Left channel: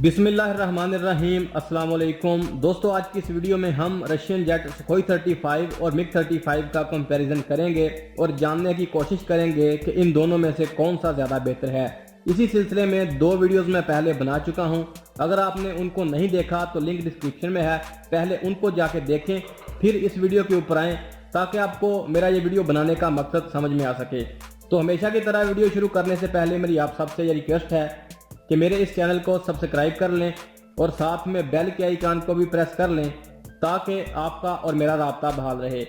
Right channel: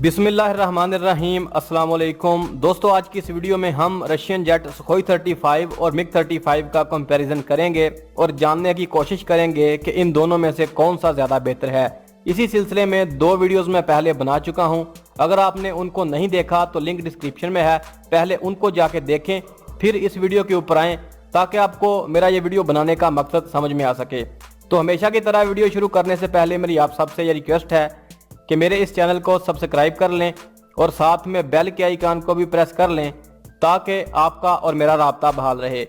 बिस्मिल्लाहिर्रहमानिर्रहीम अस्सलाम वालेकुम दोस्तों, आज की इस वीडियो में हम रशियन जेट सुखोई 35 और मिग 35 का कंपैरिजन करेंगे और जानने की कोशिश करेंगे कि इन दोनों में से कौन सा ज़्यादा बेहतर है। इसी सिलसिले में दो वीडियोस मैं पहले बना चुका हूं। अगर आपने उनको नहीं देखा तो लिंक डिस्क्रिप्शन में है, पहले उनको जाके देखें फिर इस वीडियो के ऊपर आएँ ताकि आपको मेरा ये वीडियो बनाने का मकसद समझ में आ सके। तो हमेशा की तरह वीडियो शुरू करने से पहले मेरी आप सबसे ये रिक्वेस्ट है कि मेरे इस चैनल को सब्सक्राइब कर लें और साथ में बेल के आइकन को भी प्रेस कर लें ताकि आपका और मेरा राब्ता बहाल रहे।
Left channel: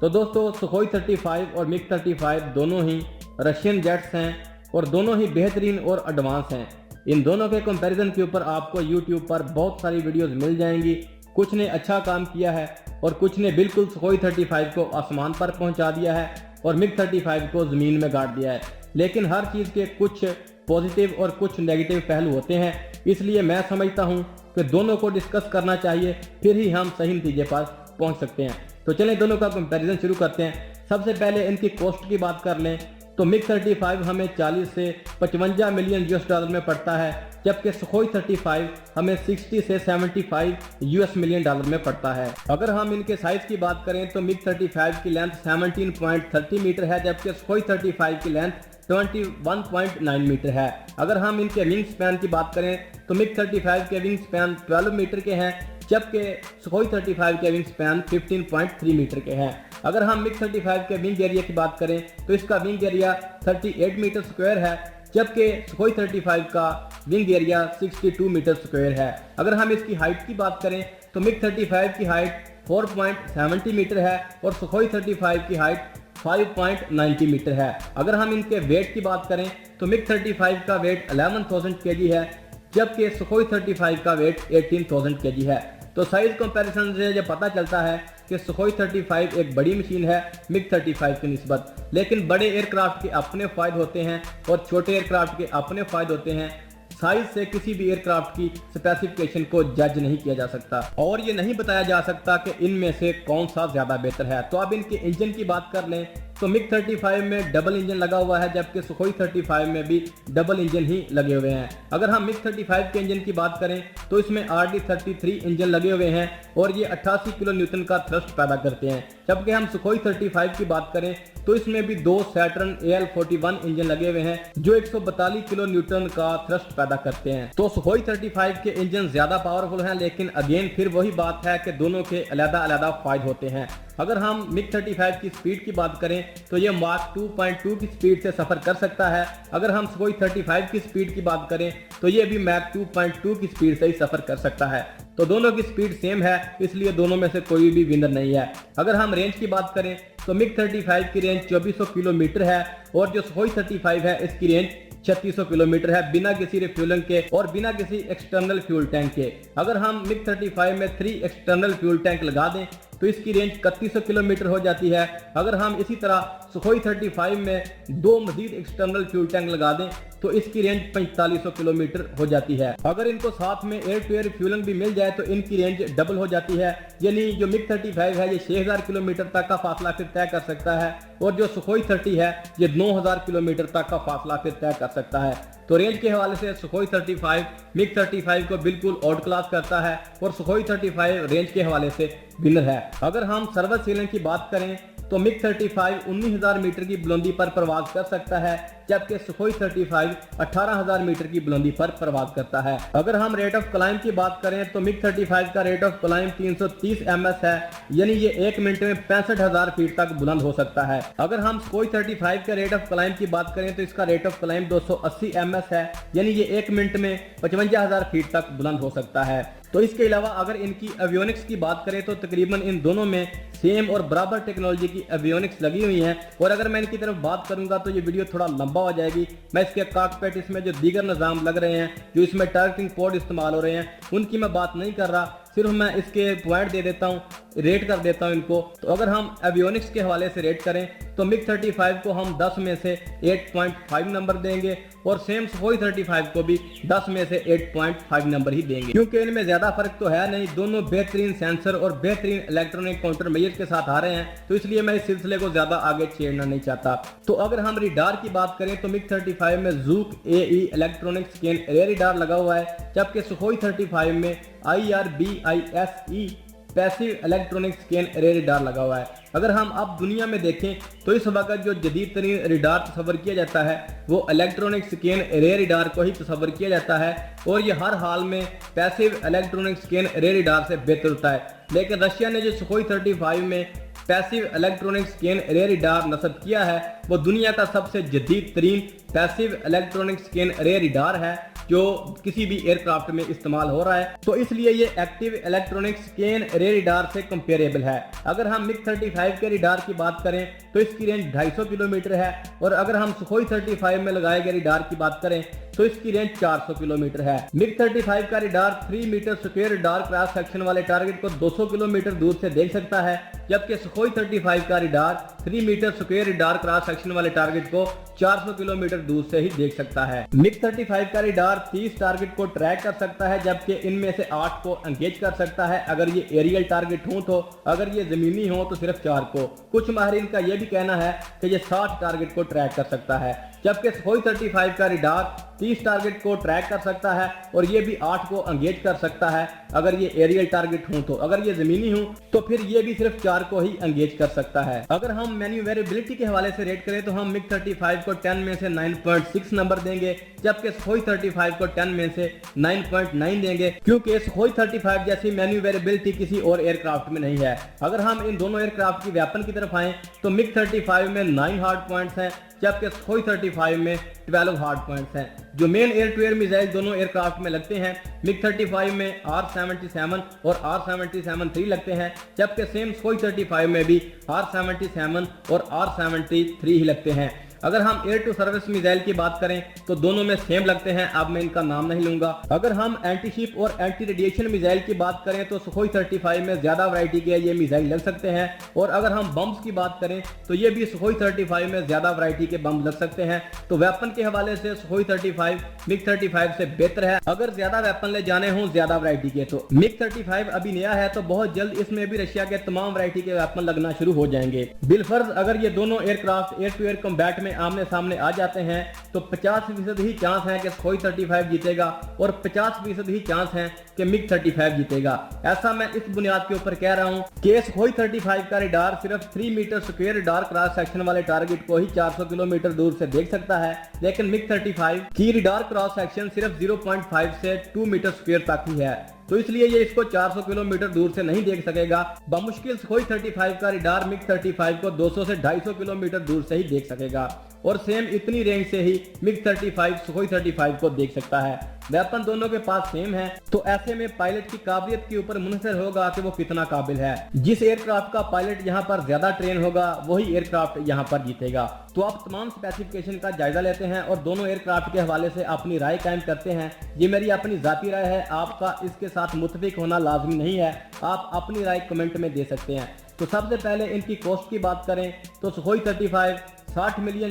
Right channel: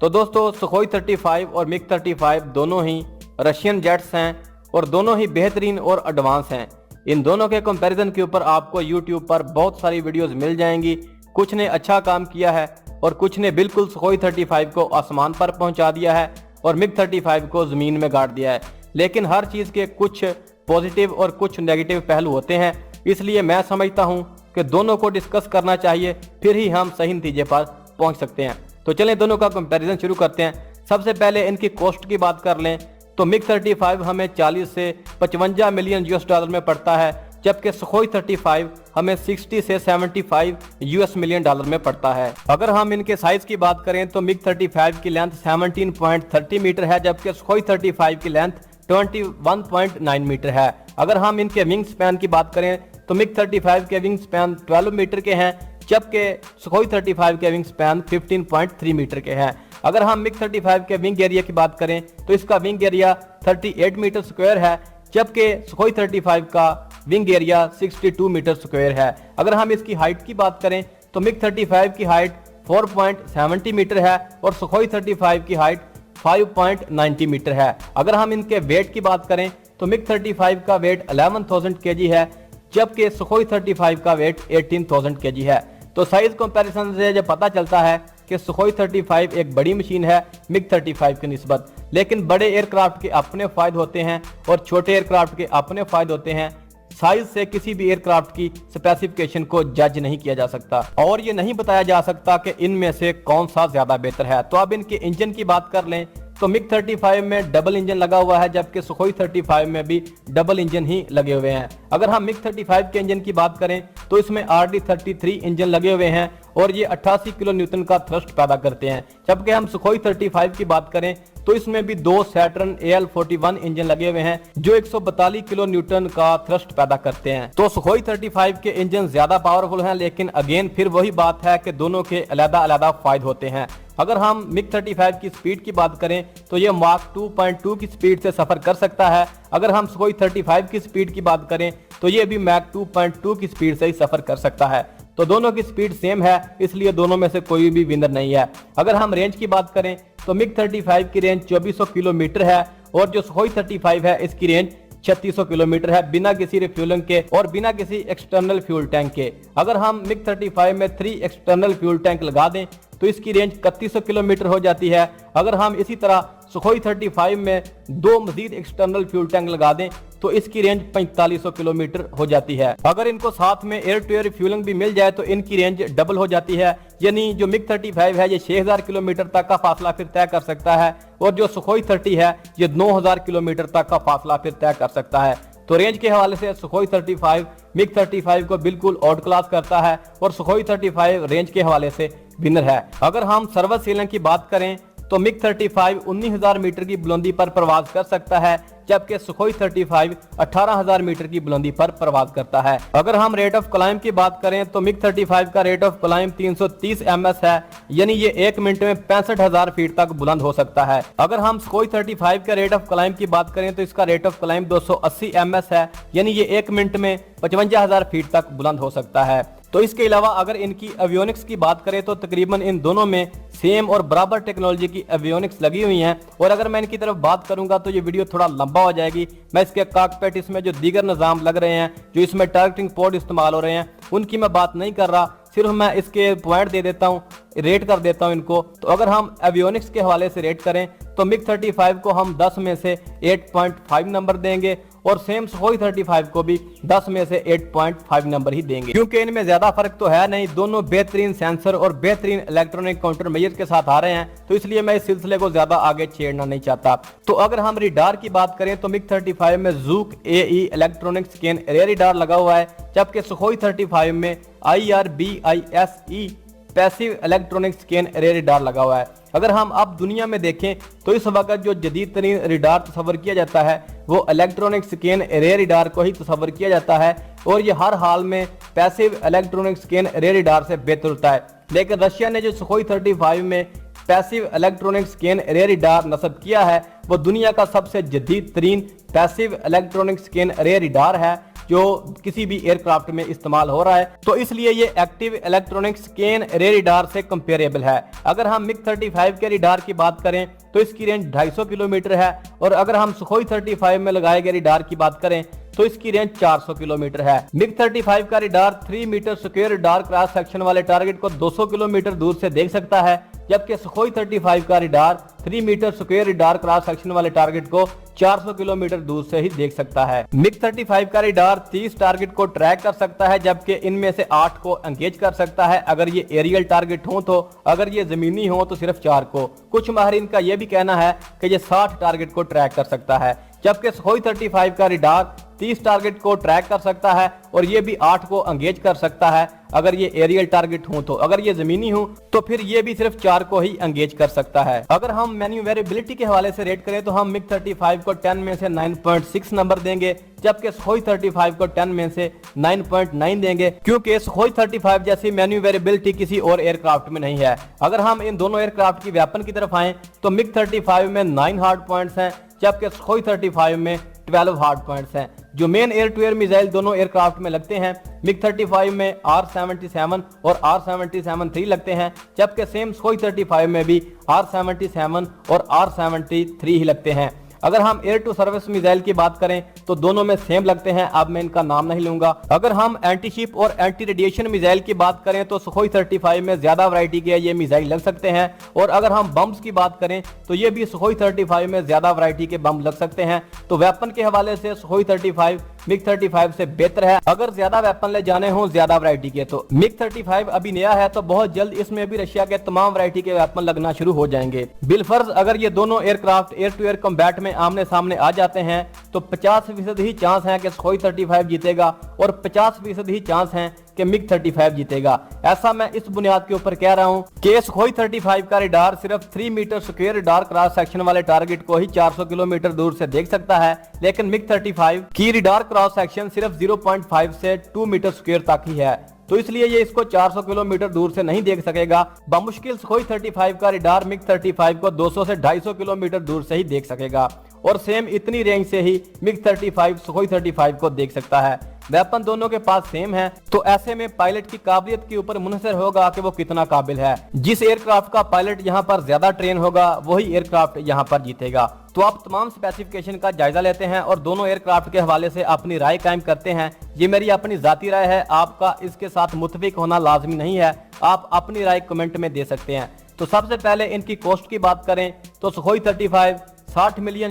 तो दोस्तों, सुखोई 35 और मिग 35 दोनों ही रशियन जेट्स हैं और दोनों ही बेहतरीन और एडवांस हैं। इन दोनों के कंपैरिजन के ऊपर आपको यूट्यूब पर बहुत सारी वीडियोस मिल जाएंगी। कुछ ने अच्छा काम किया है और कुछ ने बिल्कुल सुखोई 35 को आसमान पर पहुंचा दिया है और मिग 35 को ज़मीन में गाड़ दिया है। लेकिन हर चीज़ के कुछ पॉजिटिव और कुछ नेगेटिव पहलू होते हैं, इसलिए मैं समझता हूं कि दोनों को डिस्कस करना चाहिए, फिर ही हम सही नतीजे पर पहुंच सकते हैं। तो चलें दोनों का कंपैरिजन शुरू करते हैं। सबसे पहले इनकी कॉस्ट की बात कर लें तो मिग 35 हमें 40 से 55 मिलियन यूएस डॉलर में पड़ता है, जबकि सुखोई 35 हमें 60 से 75 यूएस मिलियन डॉलर में पड़ता है। अगर हम इनके साइज की बात करें तो मिग 35 की लेंथ 17.30 मीटर है, जबकि सुखोई 35 की लेंथ 21.9 मीटर है। अगर हम इनके विंग स्पैन की बात करें तो मिग 35 के विंग स्पैन 12 मीटर के हैं, जबकि सुखोई 35 के विंग स्पैन 15.3 मीटर के हैं। अगर हम मिग 35 के विंग एरिया की बात करें तो इसका विंग एरिया 38 मीटर स्क्वायर है, जबकि सुखोई 35 का विंग एरिया 62 मीटर स्क्वायर है। अगर हम इसकी हाइट की बात करें तो मिग 35 की हाइट 4.70 मीटर है और सुखोई 35 की हाइट 5.90 मीटर है। अगर हम इनके वेट की बात करें तो मिग 35 का वेट 11,000 केजी है, जबकि सुखोई 35 का वेट 18,000 केजी है। तो साइज कंपैरिजन से ये पता चलता है कि सुखोई 35 एक बड़ी मशीन है मिग 35 की निस्बत। लेकिन बड़े एयरक्राफ्ट के अपने फायदे होते हैं और छोटे एयरक्राफ्ट के अपने फायदे होते हैं। साइज से किसी भी एयरक्राफ्ट की स्पेसिफिकेशन को जज नहीं किया जा सकता और ये नहीं बताया जा सकता कि इनमें से कौन सा ज्यादा बेहतर है। तो अब इनके इंजन की बात कर लें तो मिग 35 में डबल इंजन लगा हुआ है, जबकि सुखोई 35 में भी डबल इंजन ही लगे हुए हैं। अगर हम मिग 35 के इंजन की बात करें तो इसमें RD33 इंजन लगे हुए हैं और ये 88 किलो न्यूटन का थ्रस्ट पैदा करते हैं, जबकि हम सुखोई 35 की बात करें तो इसमें भी दो सैटर्न AL41 इंजन लगे हुए हैं जो 142 किलो न्यूटन का थ्रस्ट पैदा करते हैं। तो सुखोई 35 के इंजन ज्यादा पावरफुल हैं, लेकिन अगेन फिर वही बात है कि दोनों के अलग-अलग फायदे होते हैं। अगर हम मिग 35 की स्पीड की बात करें तो ये माक 2.2 की स्पीड से सफर कर सकता है। अगर हम सुखोई 35 की स्पीड की बात करें तो ये भी मैक 2.2 की स्पीड से ही सफर कर सकता है। तो दोनों की स्पीड सेम है, इसलिए दोनों में से कोई भी विनर नहीं है। अगर हम रेंज की बात करें तो मिग 35 की रेंज 2400 किलोमीटर है और जो सुखोई 35 है इसकी रेंज 3600 किलोमीटर है, बिना किसी रिफ्यूलिंग के और बिना किसी एक्सटर्नल फ्यूल टैंक के। अगर हम मिग 35 में 3 एक्सटर्नल फ्यूल टैंक लगा दें तो इसकी रेंज 3100 किलोमीटर हो जाती है। अगर हम इसी तरह सुखोई 35 में 2 मजीद एक्सटर्नल फ्यूल टैंक लगा दें तो इसकी रेंज 4500 किलोमीटर हो जाती है। अगर इनको साथ में एयर टू एयर रिफ्यूलिंग भी मिल जाए तो इनकी रेंज डबल हो जाती है, यानी जो मिग 35 है ये 6000 किलोमीटर तक का फासला फिर तय कर सकता है और जो सुखोई 30 है ये 9000 किलोमीटर तक का फासला फिर तय कर सकता है। तो रेंज के हवाले से सुखोई 35 मिग 35 को बिल्कुल आउट क्लास करता है और सुखोई 35 रेंज के हवाले से विनर है। अगर हम सर्विस सीलिंग की बात करें तो मिग 35 19,000 मीटर की बुलंदी पर परवाज कर सकता है, जबकि सुखोई 35 18,000 मीटर की बुलंदी पर परवाज करता है। अगर हम रेट ऑफ क्लाइंब की बात करें तो मिग 35 का रेट ऑफ क्लाइंब 330 ms है, यानी ये 1 मिनट में 65,000 फीट तक बुलंद हो सकता है। अगर हम सुखोई 35 का रेट ऑफ क्लाइंब की बात करें तो इसका रेट ऑफ क्लाइंब 280 ms है, यानी ये 1 मिनट में 55,000 फीट तक बुलंद हो सकता है। तो इसके अलावा अगर इनकी एवियोनिक्स की बात करें तो तकरीबन इन दोनों में सेम और बराबर टेक्नोलॉजी की एवियोनिक्स लगी हुई हैं। और अगर मैं इनकी तरफ बात करूंगा तो ये वीडियो थोड़ा लंबा हो जाएगी। मैं इसके कॉकपिट इसमें जो दीगर निज़ाम लग रहे हैं, जो इसमें टारगेटिंग पोर्ट इस्तेमाल हो रहे हैं, उनकी मैं बात नहीं कर रहा, सिर्फ मैं इसके पॉइंट दे देता हूँ, रेट कर देता हूँ इनको। तो अगर हम एवियोनिक्स के हवाले से रेट करें तो मिग 35 को हम 10 में से 8.5 नंबर देंगे और सेम सुखोई 35 को भी 10 में से 8.5 नंबर ही देंगे, क्योंकि इनमें ज्यादा फर्क तो है नहीं। दोनों बेहतरीन सेंसर और बेहतरीन इलेक्ट्रॉनिक काउंटर मेजर के साथ आ रहे हैं, तो इसलिए मैं इस सिलसिले को ज्यादा आगे छेड़ना नहीं चाहता। तो अगर हम रिडार की बात करें तो मिग 35 में Zhuk AE electronic scan array radar लगा हुआ है, जबकि सुखोई 35 में IRBISE passive electronic scan array radar लगा हुआ है। अगर हम अब दुनिया में देखें तो इस वक्त जो जदीद तरीन रिडार तस्वर किया जाता है वो इलेक्ट्रॉनिक स्कैन रेयर रिडार को ही तस्वर किया जाता है, और ये हर हाल में passive electronic scan array radar से बेहतर होता है। लेकिन रशिया ने जो सुखोई 35 में passive electronic scan array radar नस्ब किया है वो दुनिया का सबसे जदीद तरीन passive electronic scan array radar है जो किसी भी एयरक्राफ्ट में इस्तेमाल हो रहा है, तो इसलिए ये active electronic scan array radar से कंपेरेबल है। अगर हम मिग 35 के रिडार की बात करें तो इसकी रेंज 250 किलोमीटर है, और अगर हम सुखोई 35 में लगाए गए रिडार की बात करें तो इसकी रेंज 400 किलोमीटर है। मिग 35 का radar 3 metre square radar cross section वाले टारगेट को 200 किलोमीटर दूर से देख सकता है, जबकि सुखोई 35 का radar 3 metre square radar cross section वाले टारगेट को 400 किलोमीटर दूर से ही देख सकता है। मिग 35 का रिडार 30 टारगेट को ट्रैक कर सकता है, जबकि इनमें से 8 को एंगेज कर सकता है अगर ये एरियल टारगेट हो तो, अगर ये जमीनी हो तो सिर्फ 4 को। कुछ माहिरीन का यह भी कहना है कि ये 60 टारगेट को ट्रैक कर सकता है, जबकि सुखोई 35 का रिडार 30 टारगेट को ट्रैक कर सकता है और ये भी 8 को एंगेज कर सकता है अगर ये एरियल टारगेट हो तो, अगर ये जमीनी हो तो फिर ये भी सिर्फ 4 को ही एंगेज कर सकता है। अगर हम मैन्यूवरेबिलिटी के हवाले से रेट करें तो हम मिग 35 को 10 में से 9.6 नंबर देंगे, जबकि सुखोई 35 को 10 में से 9.9 देंगे, क्योंकि सुखोई 35 जैसी मैन्यूवरेबिलिटी किसी और एयरक्राफ्ट में नहीं है। अगर हम इन दोनों एयरक्राफ्ट की वेपन की तरफ आए तो मिग 35 में 9 हार्ड पॉइंट्स हैं, जबकि सुखोई 35 में 12 हार्ड पॉइंट्स हैं। जो main air to air missile दोनों एयरक्राफ्ट में लगते हैं, मिग 35 में R77 और R77-3 लगते हैं, जबकि सेम सुखोई 35 में भी R77 और R73 ही लगते हैं। अगर हम एयर टू सर्विस मिसाइल की बात करें तो दोनों में सेम लगते हैं, अब मैं इनका नाम नहीं लूंगा। अगर हम एंटी शिप और एंटी रेडिएशन मिसाइल की बात करें तो सुखोई 35 में ज्यादा वैरायटी के ये मिसाइल लग सकते हैं, और अगर हम बम्स की बात करें तो ये भी सुखोई 35 में ज्यादा वैरायटी के बम लग सकते हैं। तो वेपन के हवाले से सुखोई 35 मिग 35 से बेहतर है। अगर ज्यादा वेपन ले जाने हो ज्यादा वैरायटी के तो मिग 35 अभी नया है, तो बहुत जल्द इसमें भी रशिया के तमाम वैरायटी के वेपन लगना शुरू हो जाएंगे। बिलफर्ज अगर ये दोनों aircraft air to air combat में आमने सामने आ जाते हैं तो 50% ही चांस है कि सुखोई 35 जीतेगा और 50% ही चांस है कि मिग 35 जीतेगा। ऐसा मैं इस बुनियाद के ऊपर कह रहा हूं कि सुखोई 35 का रिडार सिर्फ 3 metre square radar cross section वाले टारगेट को ही 400 किलोमीटर दूर से देख सकता है, लेकिन मिग 35 की रिडार क्रॉस सेक्शन सिर्फ 0.5 से 2 मीटर स्क्वायर तक ही है, तो इसलिए ये इसको 400 किलोमीटर दूर से नहीं देख सकेगा। बमुश्किल सुखोई 35 का रिडार मिग 35 को 200 से 250 किलोमीटर दूर से ही देख सकेगा, और सेम इतनी रेंज से ही मिग 35 सुखोई 35 को देख सकता है। वेपन दोनों के पास सेम है, तो ऐसे में पायलट की काबिलियत के ऊपर मुनहसर होगा कि वो कितना काबिल है। जिस एयरक्राफ्ट का पायलट यहाँ पर ज्यादा ट्रेन होगा वही एयरक्राफ्ट यहाँ पर जीतेगा। तो आप तमाम स्पेसिफिकेशन का जायजा लेते हैं और दोनों एयरक्राफ्ट के हवाले से अपनी राय कायम करते हैं। ये मेरी अपनी जाती राय है, आपका इसके साथ मुत्तफिक होना लाजमी नहीं है, आप अपनी राय कमेंट में दे सकते हैं। तो सबसे पहले इनकी कॉस्ट की बात करें तो सुखोई 35 $60 मिलियन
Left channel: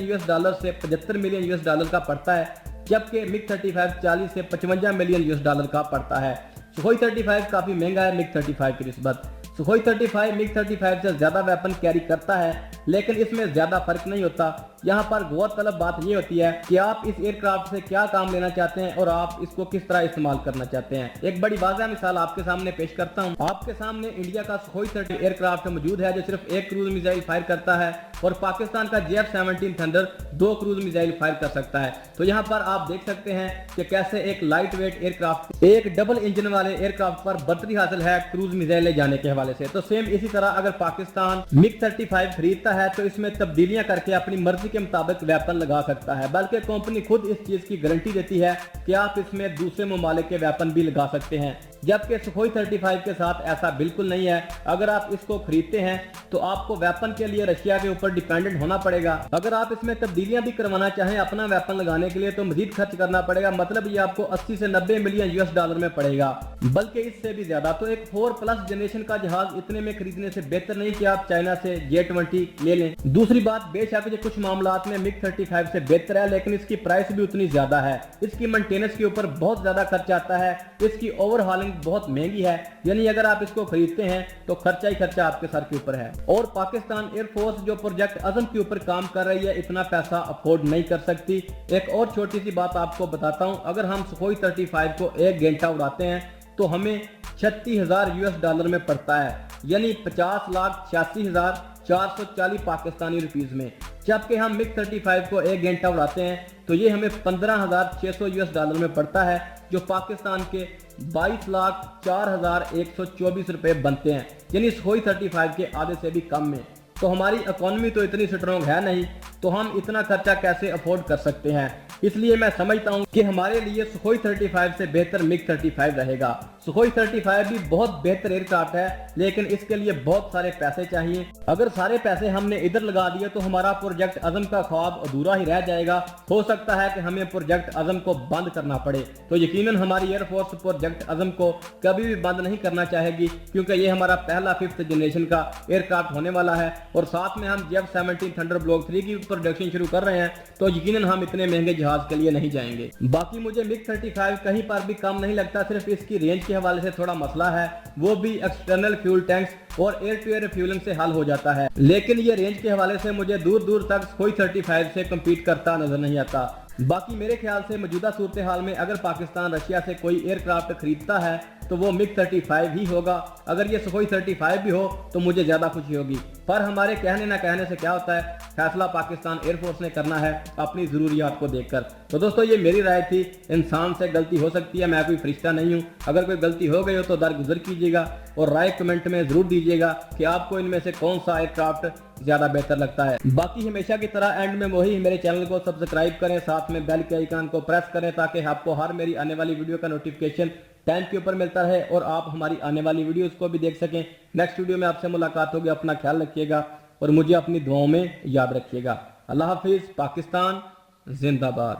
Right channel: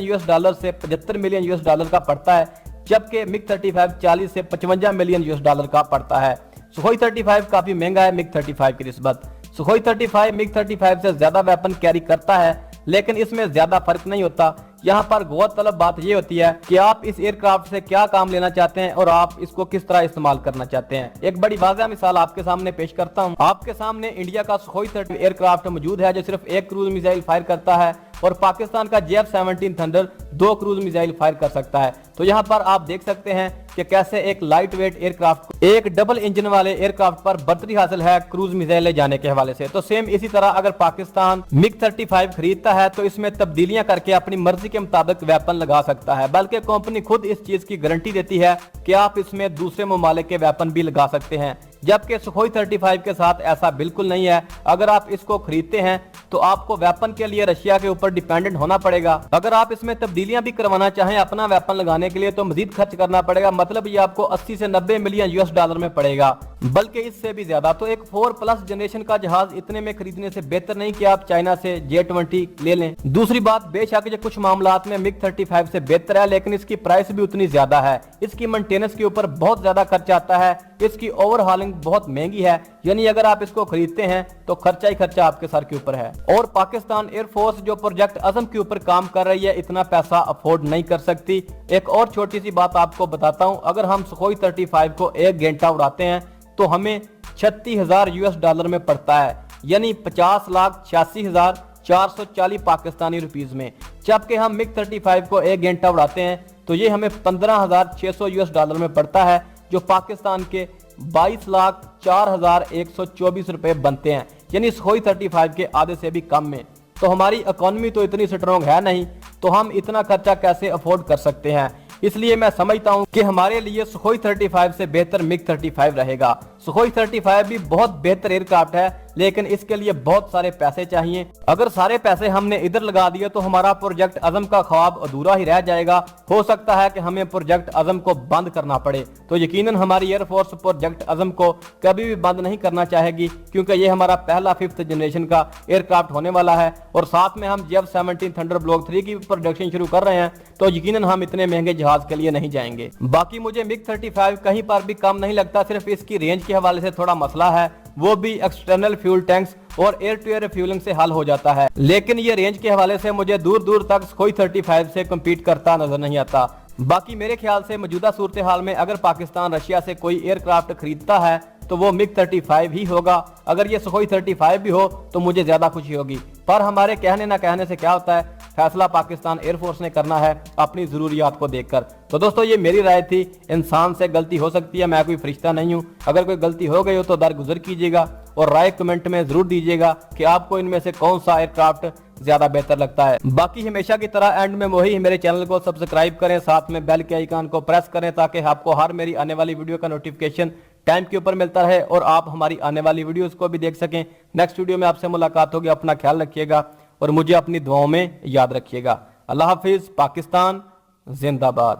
से $75 मिलियन का पड़ता है, जबकि मिग 35 40 से $55 मिलियन का पड़ता है। सुखोई 35 काफी महंगा है मिग 35 की निस्बत। सुखोई 35 मिग 35 से ज्यादा वेपन कैरी करता है, लेकिन इसमें ज्यादा फर्क नहीं होता। यहाँ पर गौरतलब बात ये होती है कि आप इस एयरक्राफ्ट से क्या काम लेना चाहते हैं और आप इसको किस तरह इस्तेमाल करना चाहते हैं। एक बड़ी वाज़ह मिसाल आपके सामने पेश करता हूँ। आपके सामने इंडिया का सुखोई 30 एयरक्राफ्ट मौजूद है जो सिर्फ एक क्रूज मिसाइल फायर करता है, और पाकिस्तान का JF-17 thunder 2 cruise missile fire कर सकता है। तो यहाँ पर आप देख सकते हैं कि कैसे एक लाइट वेट एयरक्राफ्ट एक डबल इंजन वाले एयरक्राफ्ट पर बर्तरी हासिल है क्रूज मिसाइल ले जाने के हवाले से। तो सेम इसी तरह अगर पाकिस्तान मिग 35 खरीदता है तो इसमें तब्दीलियां करके अपनी मर्जी के मुताबिक वेपन लगा सकता है, बल्कि कंपनी खुद इस चीज की गारंटी देती है कि आप इसमें दूसरे ममालिक के वेपन भी लगा सकते हैं। जबकि सुखोई 35 के साथ ऐसा बिल्कुल नहीं है। अगर आप इसको खरीदते हैं तो आपको वेपन के लिए रशिया के ऊपर डिपेंडेंट होना पड़ेगा। अगर आप इसमें तब्दीलियां भी करवाना चाहें अपना वेपन लगाने के लिए तो मजीद खर्च करना पड़ेगा, मतलब ये आपको 80 से 90 मिलियन यूएस डॉलर में पड़ेगा, बल्कि इससे भी ज्यादा। तो एक 4+ जनरेशन का जहाज इतने में खरीदने से बेहतर नहीं कि आप चाइना से J-20 ले लें। दूसरी बात, बेशक ये कुछ मामलात में मिग 35 से बेहतर है, लेकिन इसकी प्राइस भी उतनी ज्यादा है। इसकी मेंटेनेंस के ऊपर बहुत ज्यादा खर्चा आता है, इसकी ओवरहॉलिंग बहुत महंगी है, यानी अगर आप इसको खरीदते हैं तो खर्चा ही खर्चा आपके सर के ऊपर है। और पाकिस्तान एयरफोर्स जो प्रोजेक्ट अज़म के ऊपर काम कर रही है इतना पैसा अफोर्ड नहीं कर सकती। एक और छोटी सी बात आपको बताता हूं, अगर हम सुखोई 35 को 1 घंटा उड़ाते हैं तो हमें 36,000 यूएस डॉलर में पड़ता है, यानी 50,86,440 पाकिस्तानी रुपीस में। जबकि हम मिग 35 को 1 घंटा उड़ाते हैं तो ये हमें 15,600 यूएस डॉलर में पड़ता है, जो पाकिस्तान के 22,04,124 रुपए बनते हैं, यानी सुखोई 35 के आधे से भी कम में। तो हमारी इकोनॉमी तो इतनी स्ट्रॉन्ग है नहीं, तो हम इतना खर्चा कैसे अफोर्ड कर सकते हैं। इसलिए मैं समझता हूं कि हमारे लिए सुखोई 35 से बेहतर मिग 35 रहेगा। सुखोई 35 भी बहुत बेहतर एयरक्राफ्ट है, लेकिन इसके लिए बहुत सारे पैसे चाहिए। अगर सारे पैसे हमने इधर लगा दिए तो हमारा प्रोजेक्ट अज़म का ख्वाब अधूरा ही रह जाएगा। हो सकता है कि हमें प्रोजेक्ट अज़म को बंद करना पड़े। तो यकीनन हमारी एयरफोर्स प्रोजेक्ट अज़म को कभी भी बंद नहीं करना चाहेगी, क्योंकि ये हमारा पहला 5th जनरेशन का एयरक्राफ्ट होने वाला है। और साथ में हम J-17 थंडर ब्लॉक 3 की प्रोडक्शन शुरू कर रहे हैं, तो यकीनन हम इतने महंगे जहाज के लिए नहीं जाएंगे। बाकी मुझे मिग 35 कहीं पर भी कम नहीं लगता, सिर्फ इसकी रेंज के हवाले से थोड़ा मसला है, वो भी एक्सटर्नल फ्यूल टैंक्स और एयर टू एयर रिफ्यूलिंग से हल हो जाता है। लेकिन ये रेंज के हवाले से मुझे दूर दूर तक सुखोई 35 से कम्पीट करता नजर नहीं आता। बाकी मेरे ख्याल से मौजूदा सूरत हाल में अगर पाकिस्तान रशिया से कोई एयरक्राफ्ट खरीदता है तो वो मिग 35 ही होगा। अगर ये सुखोई 35 भी हो तो मुझे ज्यादा खुशी होगी, पर हमारे कहने ना कहने से क्या होता है, फैसला पाकिस्तान एयरफोर्स ने करना है अपनी जरूरियात को देखकर। तो दोस्तों ये मेरी राय थी, इंसान से गलती हो सकती है, मैं कोई फरिश्ता नहीं हूँ। अगर कोई गलती हो गई हो तो दरगुजर कीजिएगा और राय कमेंट में जरूर दीजिएगा कि आपको इनमें से कौन सा एयरक्राफ्ट ज्यादा बेहतर लगता है। बाकी हमेशा की तरह एंड में वही मेरे चैनल को सब्सक्राइब करें, साथ में बेल के आइकन को प्रेस करें ताकि आपको हर मेरी आने वाली वीडियो का नोटिफिकेशन टाइम के ऊपर मिलता रहे और आप हमारी आने वाली वीडियोस को भी देख सकें। नेक्स्ट वीडियो में आपसे मुलाकात होगी, अपना ख्याल रखिएगा और मुझे अपनी दुआओं में याद रखिएगा। अल्लाह हाफिज, पाकिस्तान जिंदाबाद।